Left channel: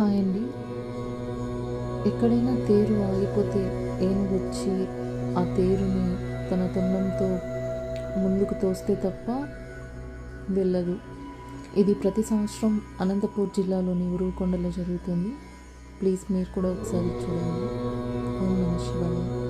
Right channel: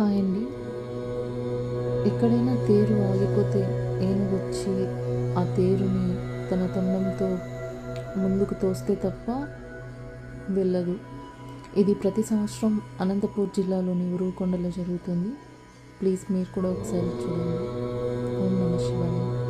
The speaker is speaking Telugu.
హాయ్ అండి. ఎక్కడైనా తేరు ఆగిపోతే ఏనుగొచ్చి ఆ తేరుని తన తొండంతో ముందుకు తోస్తే తప్ప వెళ్ళదు. ఇది ప్రతి సంవత్సరం అనంతపూర్ జిల్లాలోని ఉరువకొండలో జరుగుతుంది. ప్లీజ్ మీరు కూడా ఒకసారి చూడండి. ఓం నమ శివాయ.